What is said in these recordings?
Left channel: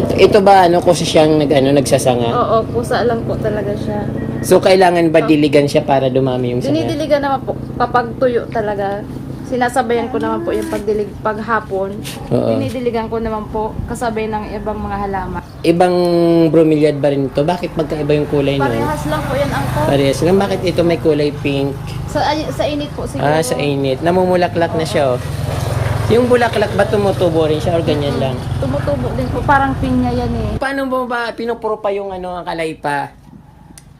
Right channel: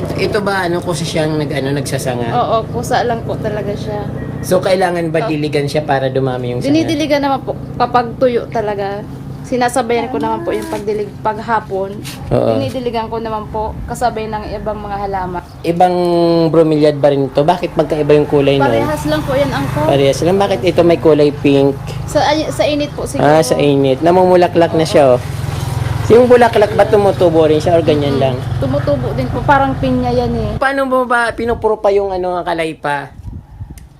Ito ba ano kasi siyang nagsasanga? Oo, kusa lang po talaga siya. So kailangan ba diligan siya para dumami yung sanga? Dinidiligan naman po kapag tuyo talaga. Sinasabayan ko naman po yung pagdilig paghapon. Oo. Dinidiligan ko naman po kasabay ng ibang mga halaman. Ibang bromeliad ba rin ito? Bakit magkaiba yung kulay nun? Parehas lang po yan ang po. Parehas lang. Bakit ito may kulay pink? Sa init po siguro. Sa init. Namumulaklak na siya, oh. Yung bulaklak ba tumutubo rin siya o ganyan lang? Tumutubo din po. Parang pinya yan eh. Paano mo ba pinupuro pa yung akalaypa?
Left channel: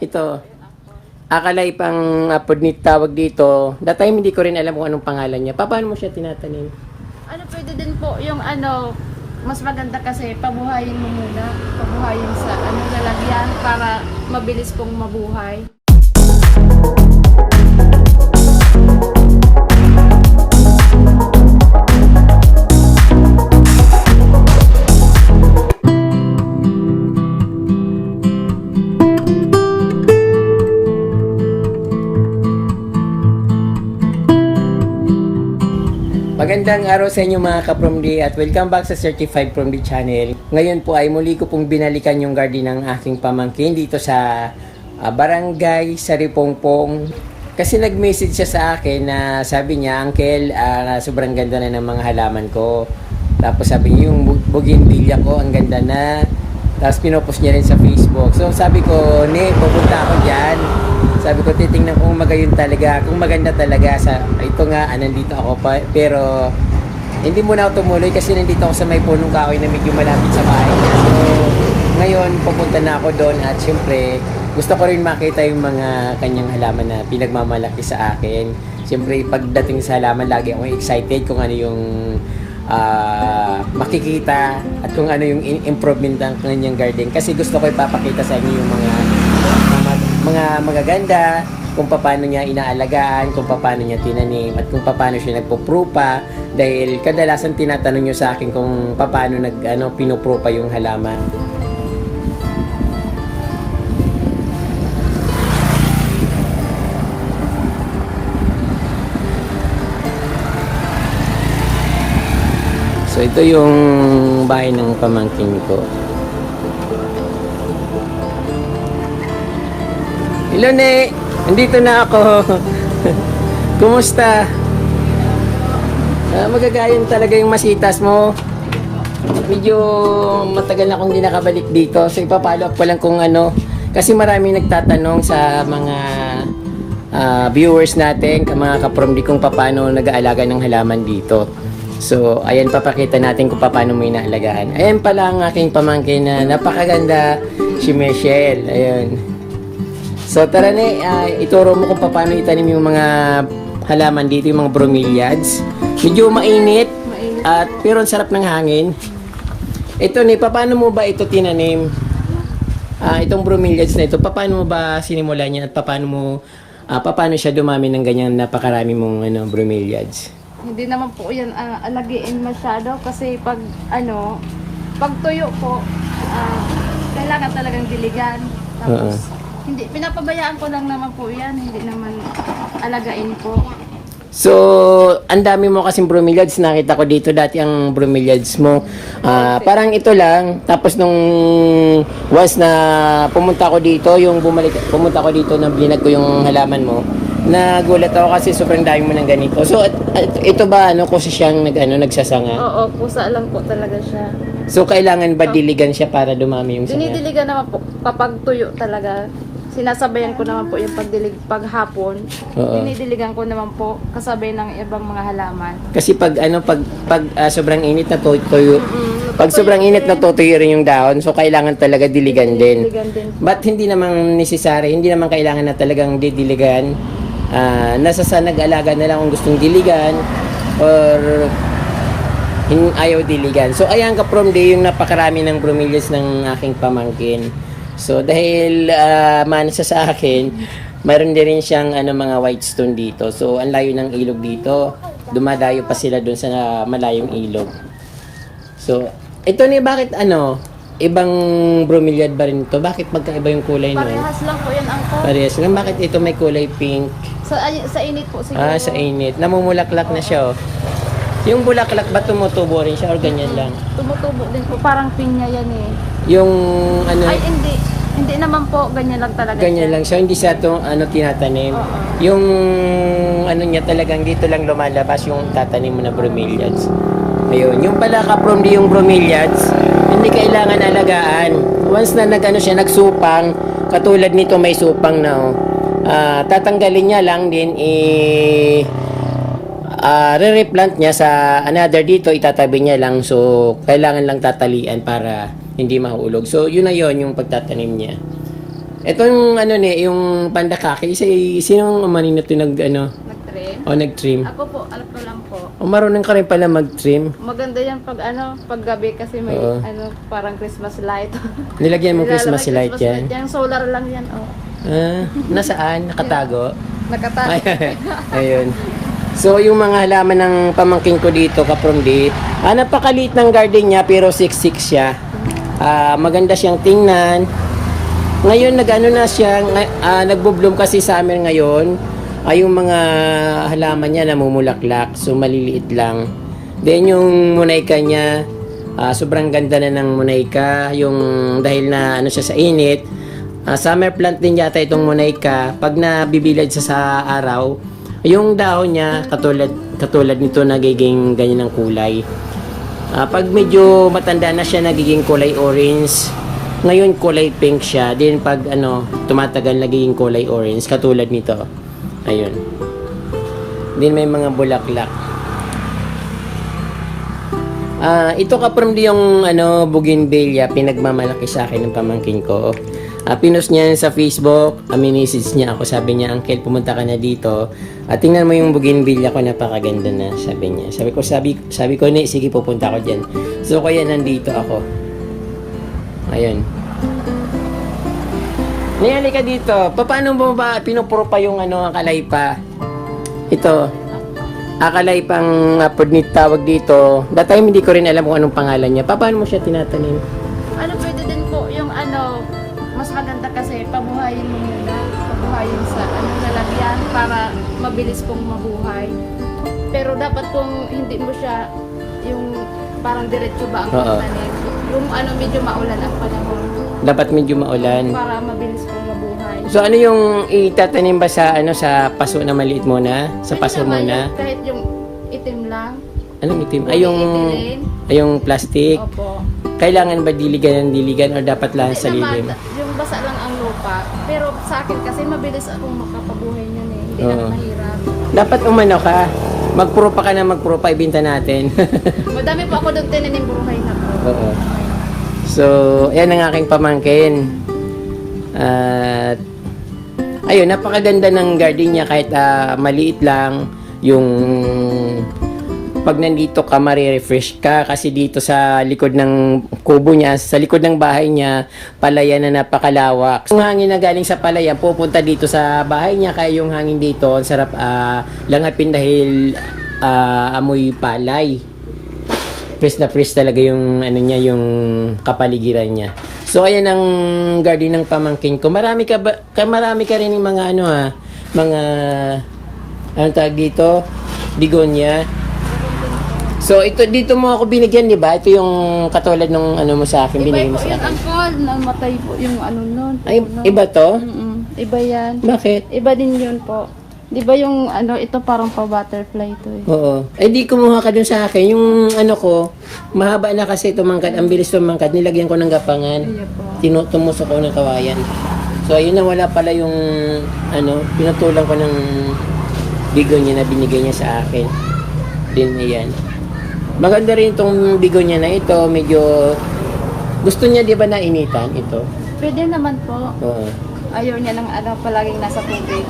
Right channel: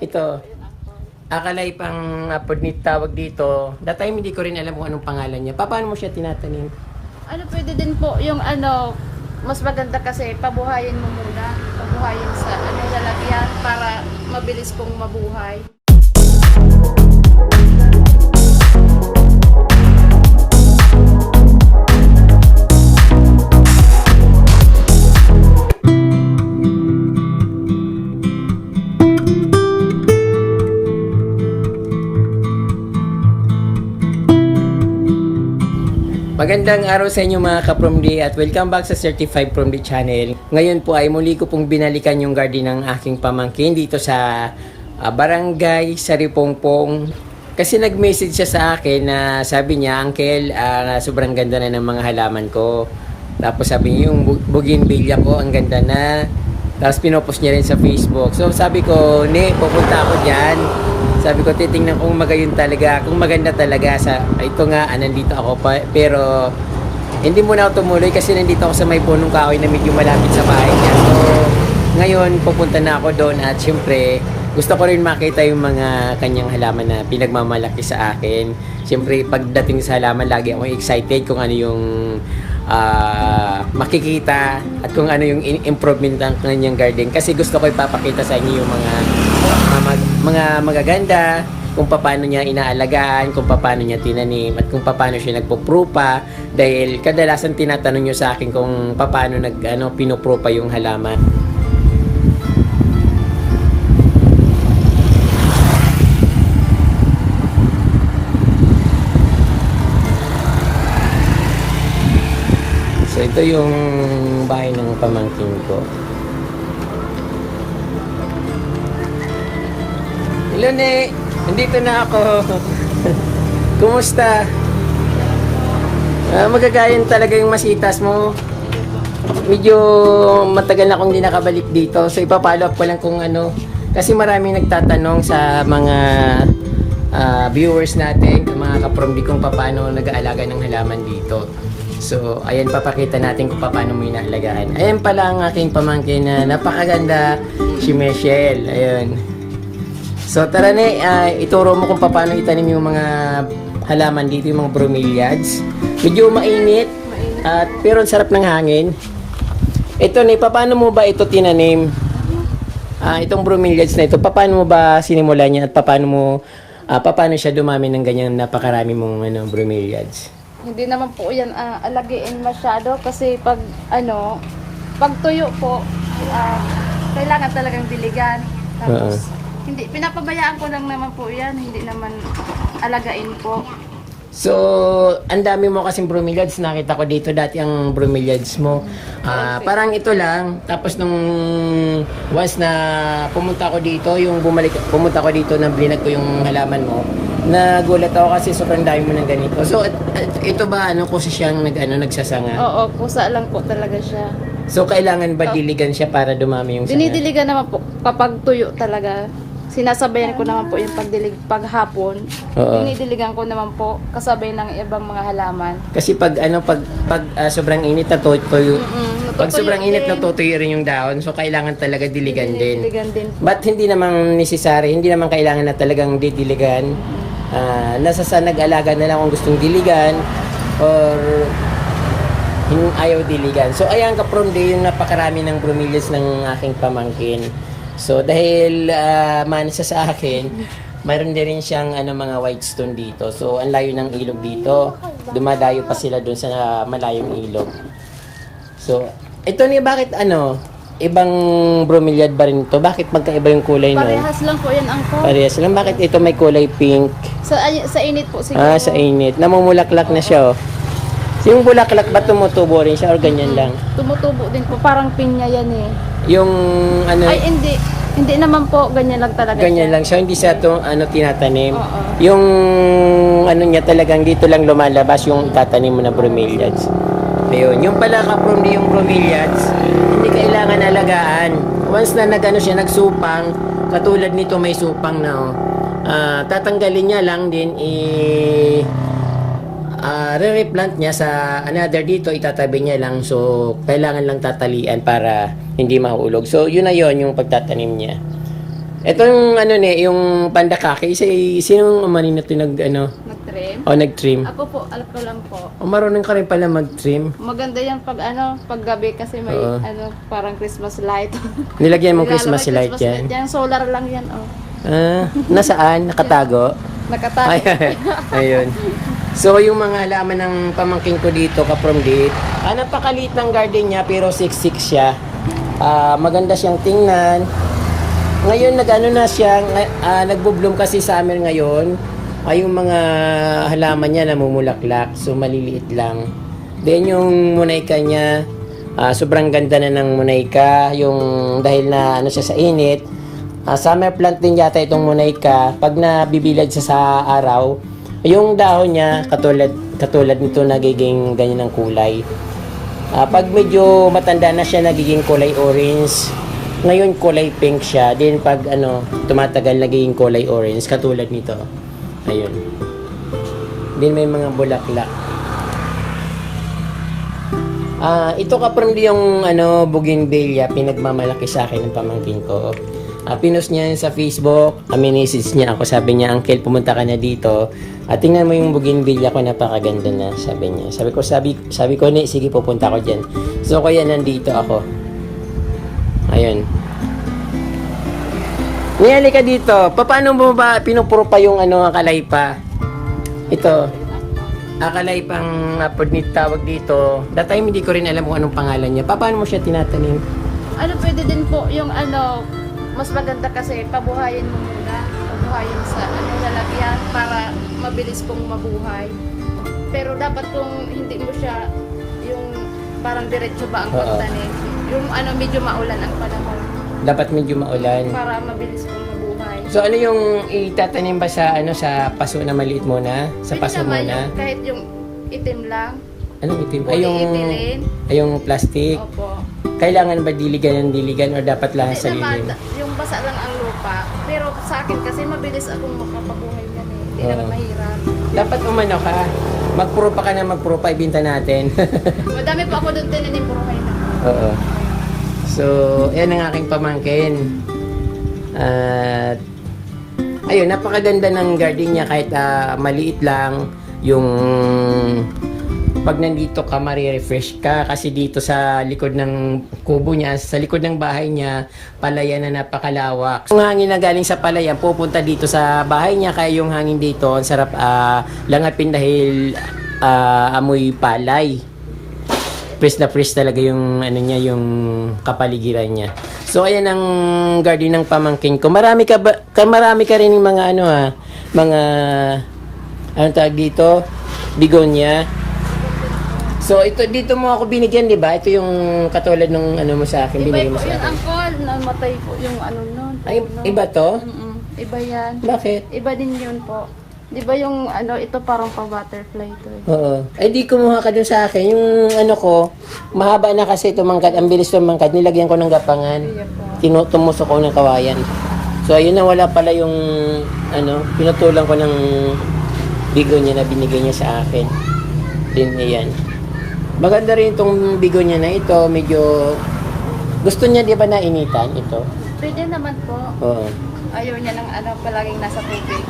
Ito. Akalaypang apod tawag dito. That time hindi ko rin alam kung anong pangalan niya. Paano mo siya tinatanim? Ano pwede din po yung mas maganda kasi pabuhayin mo muna. Pabuhayin sa lalagyan para mabilis pong mabuhay. Magandang araw sa inyo mga ka-Promdi at welcome back sa Certified Promdi channel. Ngayon po ay muli ko pong binalikan yung garden ng aking pamangkin dito sa Barangay Saripongpong. Kasi nag-message siya sa akin na sabi niya, Uncle, sobrang ganda na ng mga halaman ko. Tapos sabi niya yung bougainvillea ko, ang ganda na. Tapos pinopost niya rin sa Facebook. So sabi ko, pupunta ako dyan. Sabi ko, titingnan kung magayon talaga, kung maganda talaga. Ito nga, nandito ako pa, pero hindi muna ako tumuloy kasi nandito ako sa may punong kahoy na medyo malapit sa bahay niya. So, ngayon, pupunta na ako doon at syempre, gusto ko rin makita yung mga kanyang halaman na pinagmamalaki sa akin. Syempre, pagdating sa halaman, lagi ako excited kung ano yung makikita at kung ano yung improvement ng kanyang garden. Kasi gusto ko ipapakita sa inyo yung mga magaganda, kung paano niya inaalagaan, kung paano niya tinanim, at kung paano siya nagpuprupa. Dahil kadalasan tinatanong niyo sa akin kung paano pinuprupa yung halaman. So ito yung bahay ng pamangkin ko. Hello, Ne. Nandito na ako. Kumusta? Magagayon talaga yung masitas mo. Medyo matagal na akong hindi nakabalik dito. So ipapollow up ko lang kung kasi maraming nagtatanong sa mga viewers natin, mga ka-Promdi, kung paano nag-aalaga ng halaman dito. So ayan, papakita natin kung paano mo inaalagaan. Ayan pala ang aking pamangkin na napakaganda, si Michelle. Ayun. So tara na, ituro mo kung paano itanim yung mga halaman dito, yung mga bromeliads. Medyo mainit, pero ang sarap ng hangin. Ito ni, paano mo ba ito tinanim? Itong bromeliads na ito, paano mo ba sinimulan niya at paano siya dumami ng ganyan napakarami mong bromeliads? Hindi naman po yan alagiin masyado kasi pag tuyo po, kailangan talagang diligan. Tapos, hindi, pinapabayaan ko lang naman po yan, hindi naman alagain po. So, ang dami mo kasing bromeliads, nakita ko dito dati ang bromeliads mo. Parang ito lang, tapos nung once na pumunta ko dito, pumunta ko dito na blinag ko yung halaman mo, nagulat ako kasi sobrang dami mo ng ganito. So, ito ba kasi siyang nagsasanga? Oo, kusa lang po talaga siya. So, kailangan ba diligan siya para dumami yung sanga? Dinidiligan naman po kapag tuyo talaga. Sinasabayan ko naman po yung pagdilig paghapon. Oo. Dinidiligan ko naman po kasabay ng ibang mga halaman. Kasi pag sobrang init na tuyo, pag sobrang init na tutuyo rin yung dahon, so kailangan talaga diligan din. Diligan din. But hindi naman necessary, hindi naman kailangan na talagang didiligan. Nasa sa nag-alaga na lang kung gustong diligan or ayaw diligan. So ayan ka-Promdi, yung napakarami ng bromeliads ng aking pamangkin. So dahil manasa sa akin, mayroon din rin siyang mga white stone dito. So ang layo ng ilog dito, dumadayo pa sila dun sa malayong ilog. So ito ni, bakit ibang bromeliad ba rin ito? Bakit magkaiba yung kulay nun? Parehas lang po yan ang po. Parehas lang. Bakit ito may kulay pink? Sa init po siguro. Sa init. Namumulaklak na siya, oh. Yung bulaklak ba tumutubo rin siya o ganyan lang? Tumutubo din po, parang pinya yan eh. Yung ano, Ay, hindi naman po, ganyan lang talaga. ganyan lang siya, hindi siya to, ano, tinatanim. Yung ano niya talagang dito lang lumalabas yung itatanim mo na bromeliads. Ayun, yung pala kaprom di yung bromeliads, hindi kailangan alagaan. Once na nagano siya, nagsupang, katulad nito may supang na oh. Tatanggalin niya lang din re-replant niya sa another dito, itatabi niya lang. So, kailangan lang tatalian para hindi mahulog. So, yun na yun, yung pagtatanim niya. Ito yung ano yung pandakake, sinong umanin na ito Nag-trim? nag-trim? Ako po, ako lang po. O marunong ka rin pala mag-trim. Maganda yan pag gabi kasi may Oo. parang Christmas light. Nilagyan mo Christmas Nilalagay light yan. Yan, solar lang yan, oh. Nasaan? Nakatago? Nakatago. Ayun. So, yung mga halaman ng pamangkin ko dito, kaprom di, napakaliit ng garden niya, pero 6'6" siya. Maganda siyang tingnan. Ngayon, na siya, nagbo-bloom kasi summer ngayon. Yung mga halaman niya namumulaklak, so maliliit lang. Then, yung munayka niya, sobrang ganda na ng munayka. Yung dahil na siya sa init, summer plant din yata itong munayka. Pag nabibilad siya sa araw, yung dahon niya katulad nito nagiging ganyan ang kulay. Pag medyo matanda na siya nagiging kulay orange. Ngayon kulay pink siya. Then pag tumatagal nagiging kulay orange katulad nito. Ayun. Then may mga bulaklak. Ito kaprom di yung bougainvillea, pinagmamalaki sa akin ng pamangkin ko. Pinost niya sa Facebook, message niya ako, sabi niya, Uncle, pumunta ka na dito. Tingnan mo yung bougainvillea ko, napakaganda na, sabi niya. Sabi ko, sige, pupunta ako dyan. So, kaya nandito ako. Ayun. Niyali ka dito, paano mo ba pinupuro pa yung akalaypa? Ito, akalaypang pudnit tawag dito. That time, hindi ko rin alam kung anong pangalan niya. Paano mo siya tinatanim? Pwede din po yung mas maganda kasi pabuhayin mo muna, pabuhayin sa lalagyan para mabilis pong mabuhay. Pero dapat kung hindi mo siya yung parang diretso ba ang pagtanim, yung medyo maulan ang panahon. Dapat medyo maulan. Para mabilis pong mabuhay. So ano yung itatanim ba sa sa paso na maliit muna? Sa Pwede paso naman muna? yung kahit yung itim lang. Anong itim? Polyethylene. Yung plastic. Opo. Kailangan ba diligan o dapat lang sa lilim? Yung basa lang ang lupa. Pero sa akin kasi mabilis akong makapabuhay niyan eh. Hindi naman mahirap. Dapat ka. Magpuro pa ka na ibinta natin. Madami po ako doon tinanim, buruhay na po. Oo. Okay. So, yan ang aking pamangkin. At ayun, napakaganda ng garden niya kahit maliit lang yung pag nandito ka, marirefresh ka kasi dito sa likod ng kubo niya, sa likod ng bahay niya, palayan na napakalawak. Yung hangin na galing sa palayan, pupunta dito sa bahay niya, kaya yung hangin dito, ang sarap langapin dahil amoy palay. Fresh na fresh talaga yung niya, yung kapaligiran niya. So ayan ang garden ng pamangkin ko. Marami ka rin ng mga mga anong tawag dito? Bigonia. So ito dito mo ako binigyan, 'di ba? Ito yung katulad nung mo sa akin, binigay mo sa akin. Namatay po yung nun. Ay, iba to? Iba yan. Bakit? Iba din yun po. 'Di ba yung ito parang pa-butterfly to eh. Oo. Ay di kumuha ka dun sa akin. Yung ko, mahaba na kasi tumangkad, ang bilis tumangkad, nilagyan ko ng gapangan. Iya po. Tumusok ko ng kawayan. So ayun na, wala pala yung pinutulan ko ng bigonya na binigay niya sa akin. Din ayan. Maganda rin itong bigonya na ito, medyo gusto niya 'di ba na initan ito? Pwede naman po. Oo. Ayaw niya ng palaging nasa tubig.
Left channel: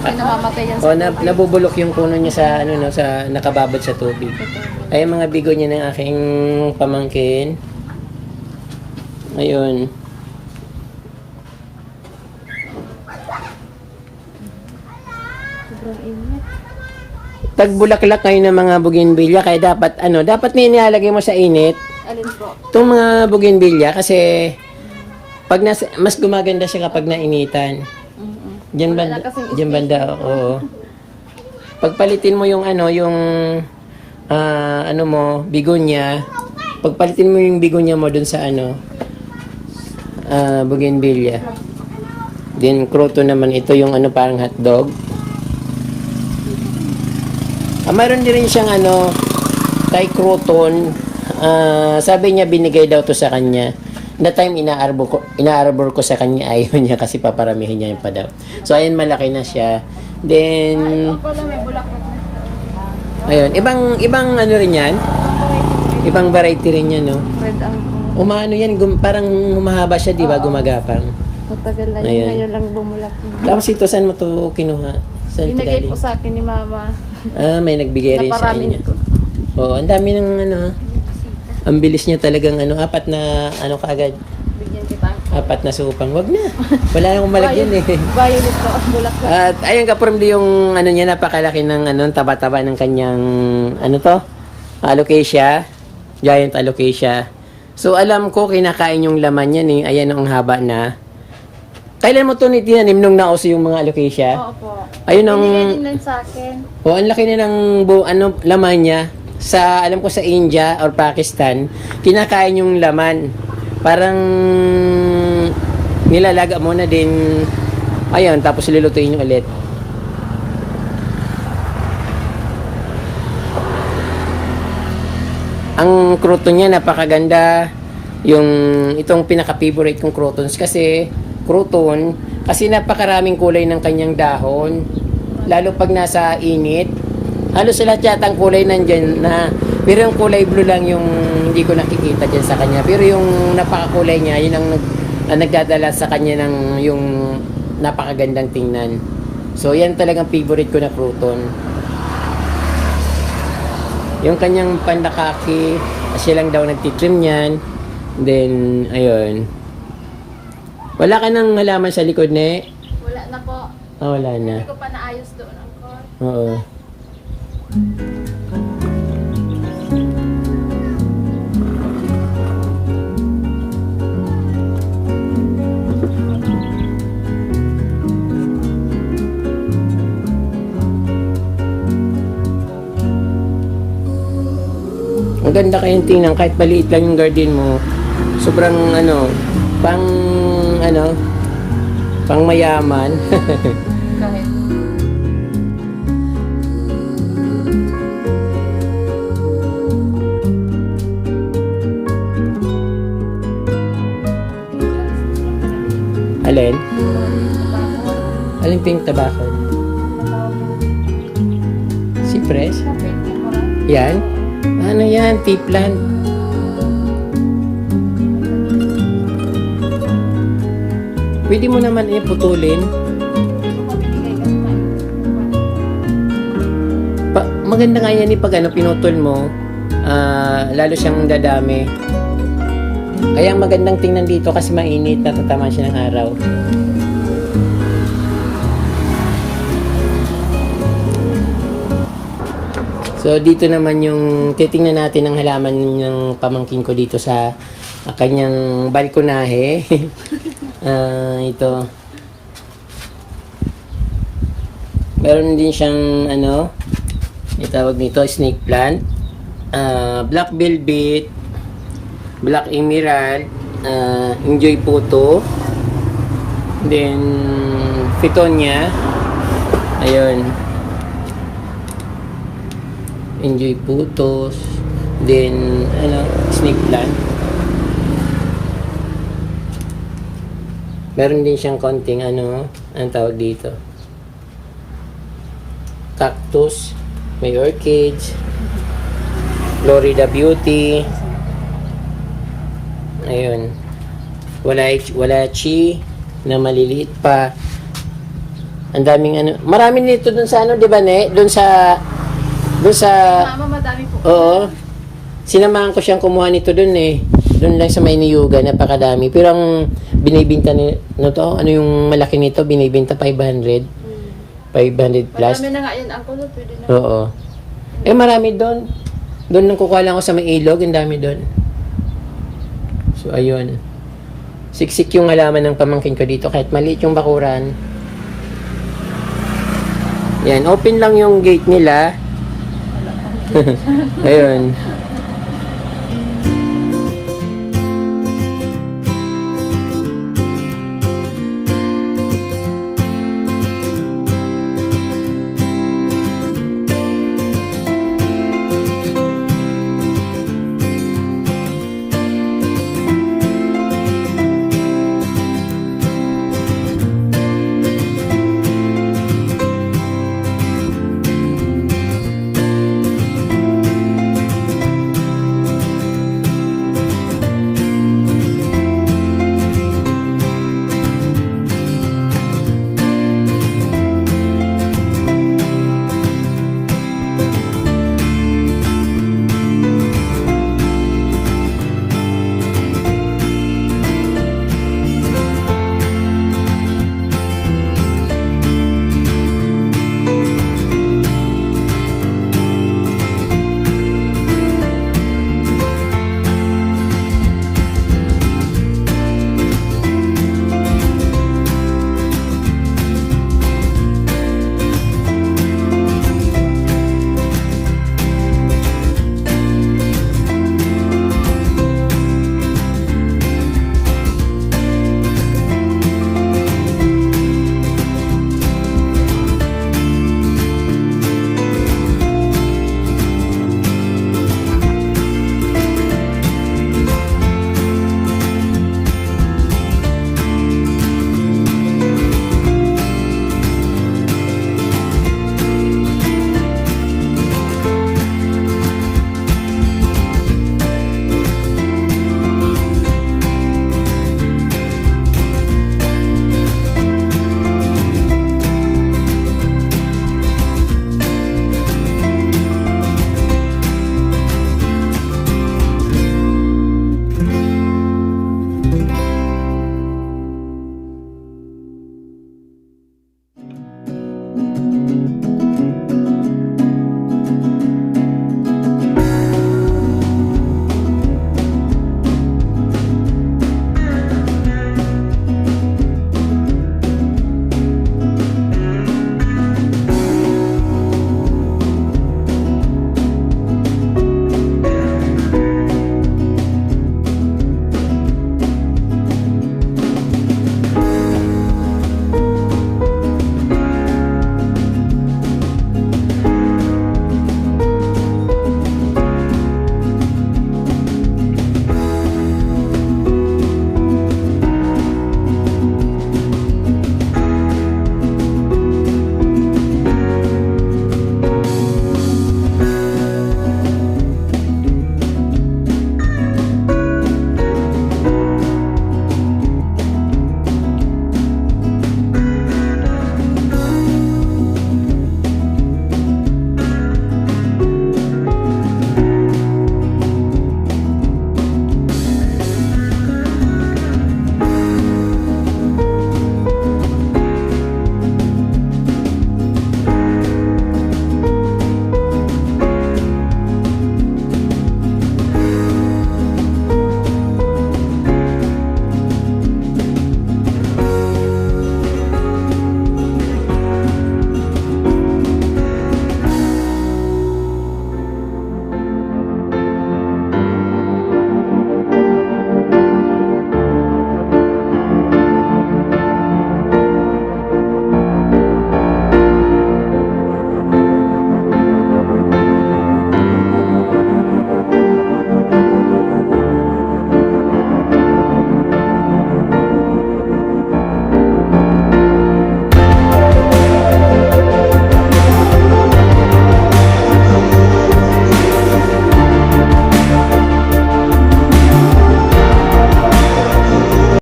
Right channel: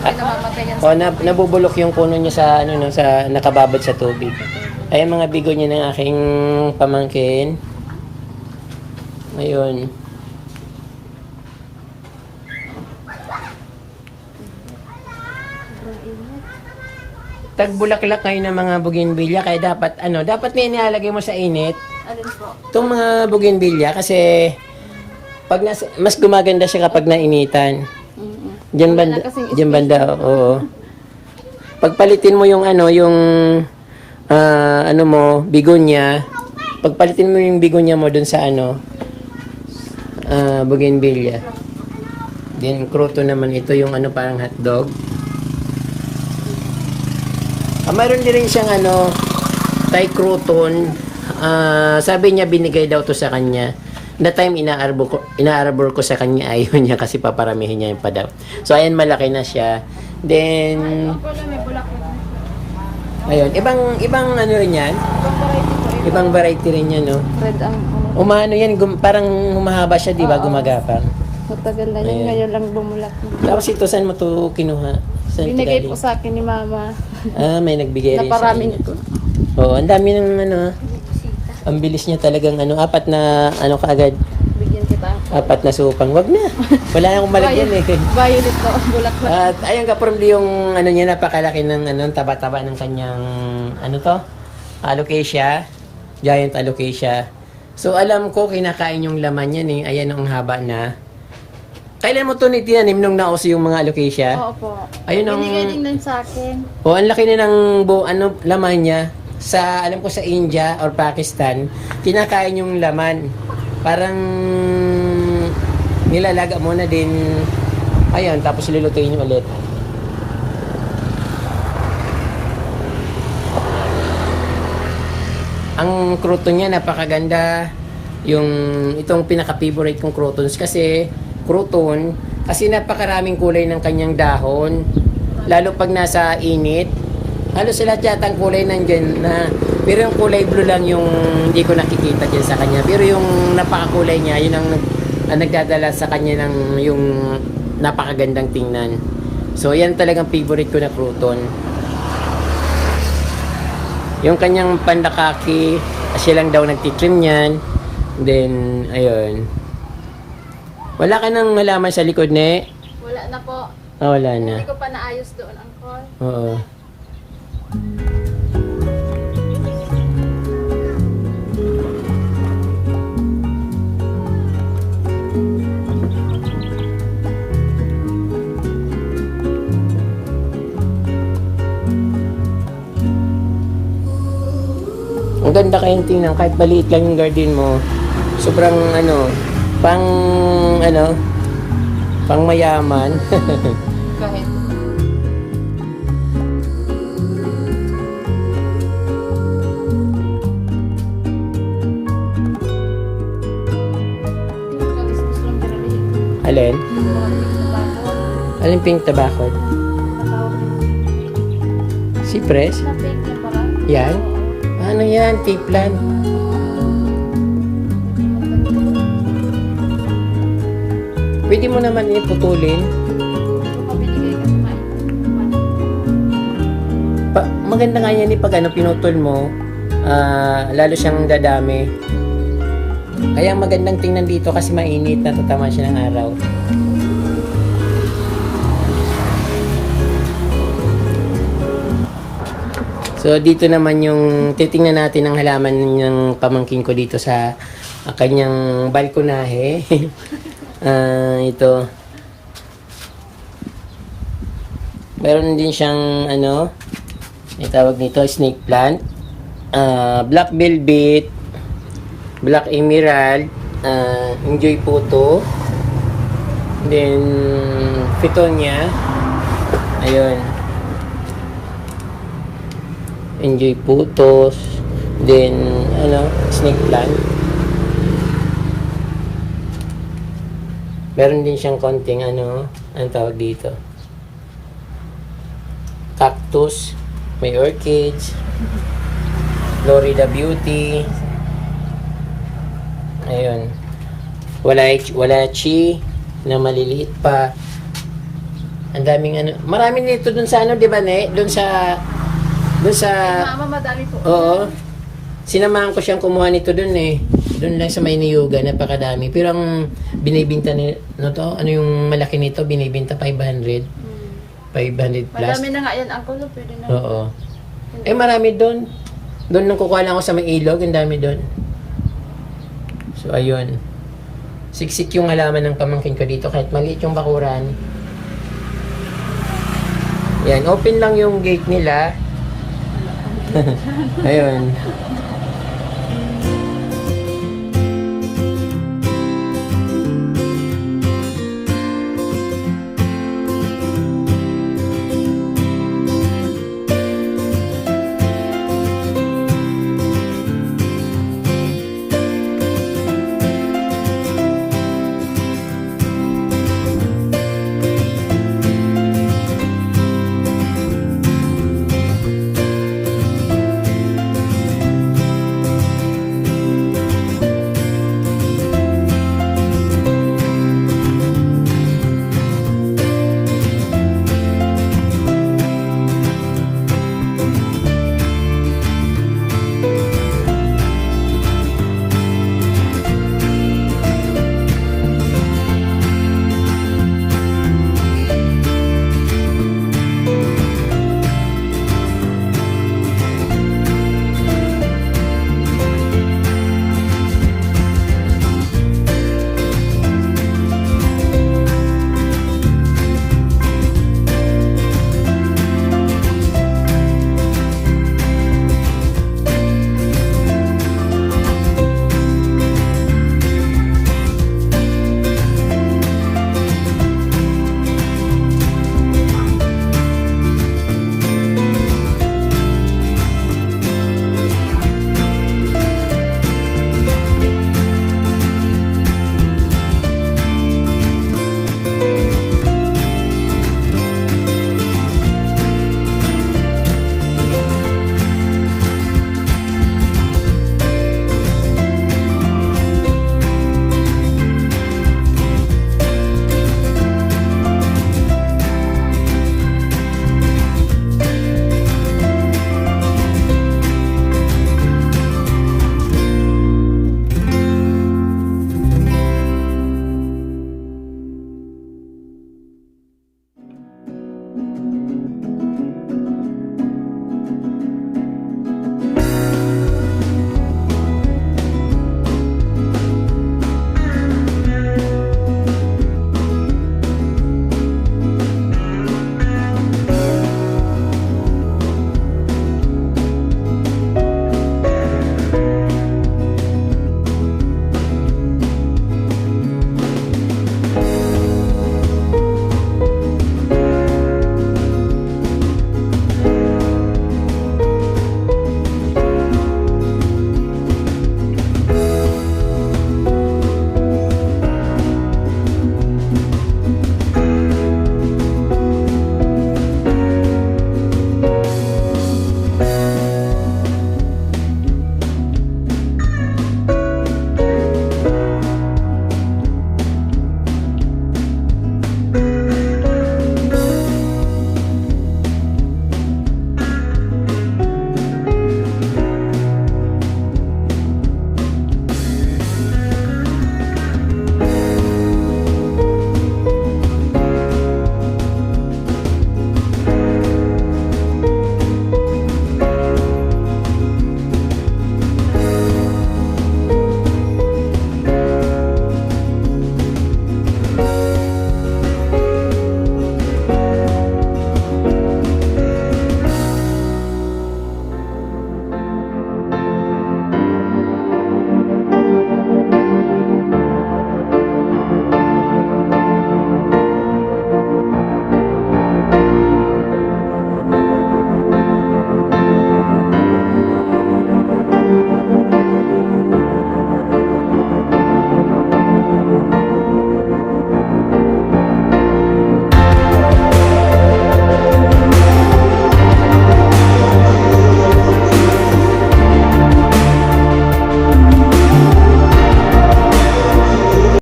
Ay namamatay yan Nabubulok yung puno niya sa sa nakababad sa tubig. Ay mga bigonya ng aking pamangkin. Ayun. Sobrang init. Tagbulaklak kayo ng mga bougainvillea, kaya dapat dapat na inilalagay mo sa init. Alin po? Itong mga bougainvillea kasi pag mas gumaganda siya kapag nainitan. Diyan banda, oo. Pagpalitin mo yung yung ano mo, bigonya. Pagpalitin mo yung bigonya mo dun sa ano, bougainvillea. Then, croton naman ito yung ano, parang hotdog. Mayroon din rin siyang ano, Thai croton. Sabi niya binigay daw to sa kanya. That time inaarbor ko sa kanya, ayaw niya kasi paparamihin niya yung pa daw. So ayan, malaki na siya. Then ayun, ibang ano rin yan. Ibang variety rin yan, no. Red ang Umano yan, parang humahaba siya, di ba, gumagapang. matagal na Ayan. yun. Ngayon lang lumulat. Tapos ito, saan mo to kinuha? Saan ito Binigay galing? po sa akin ni mama. May nagbigay rin sa Naparaming inyo. ko. Oo, ang dami ng ano, ang bilis niya talagang ano, 4 na ano kaagad, Bigyan kita. 4 na supang. Wag na. Wala na akong malagyan eh. Violet na bulak na. At ayun ka-formly yung ano niya, napakalaki ng ano, taba-taba ng kanyang ano to? Alocasia. Giant alocasia. So alam ko kinakain yung laman niya eh. Ayan ang haba na. Kailan mo to tinanim nung nauso yung mga alocasia? Oo po. Ayun ang Binigay din nun sa akin. oh, ang laki na ng ano, laman niya. Sa, alam ko sa India or Pakistan, kinakain yung laman. Parang nilalaga mo na din. Ayun, tapos lulutuin nyo ulit. Ang croton niya, napakaganda. Itong pinaka-favorite kong crotons kasi, croton, kasi napakaraming kulay ng kanyang dahon. Lalo pag nasa init. Halos lahat yata ang kulay nandyan na, pero yung kulay blue lang yung hindi ko nakikita dyan sa kanya. Pero yung napakakulay niya, yun ang nagdadala sa kanya ng yung napakagandang tingnan. So yan talagang favorite ko na crouton. Yung kanyang pandakaki, siya lang daw nagtitrim niyan. Then, ayun. Wala ka nang halaman sa likod, ne? Wala na po. Wala na. Hindi ko pa naayos doon ang call. Oo. Ang ganda kayong tingnan, kahit maliit lang yung garden mo, sobrang ano, pang mayaman. Kahit. Alin? Alin pink tobacco? Cypress? Yan? Ano yan? Tea plant? Pwede mo naman iputulin. Maganda nga yan pag pinutol mo, lalo siyang dadami. Kaya ang magandang tingnan dito kasi mainit, natatamaan siya ng araw. So dito naman yung titingnan natin ang halaman ng pamangkin ko dito sa kanyang balkonahe. Ito. Meron din siyang itawag nito snake plant, black velvet, black emerald, enjoy puto, then pitonia, ayun, enjoy putos, then snake plant. Meron din siyang konting anong tawag dito, cactus, may orchids, Florida Beauty, ayun, walachi na maliliit pa. Ang daming marami nito dun sa di ba ne? Dun sa Mama, madami po. oo, sinamahan ko siyang kumuha nito dun dun lang sa may niyuga, napakadami. Pero ang binibinta yung malaki nito, binibinta 500 plus. Madami na nga yan, Uncle. Pwede na. Oo. Marami doon. Doon nang kukuha lang ako sa may ilog, ang dami doon. So, ayun. Siksik yung halaman ng pamangkin ko dito, kahit maliit yung bakuran. Yan, open lang yung gate nila. Ayun.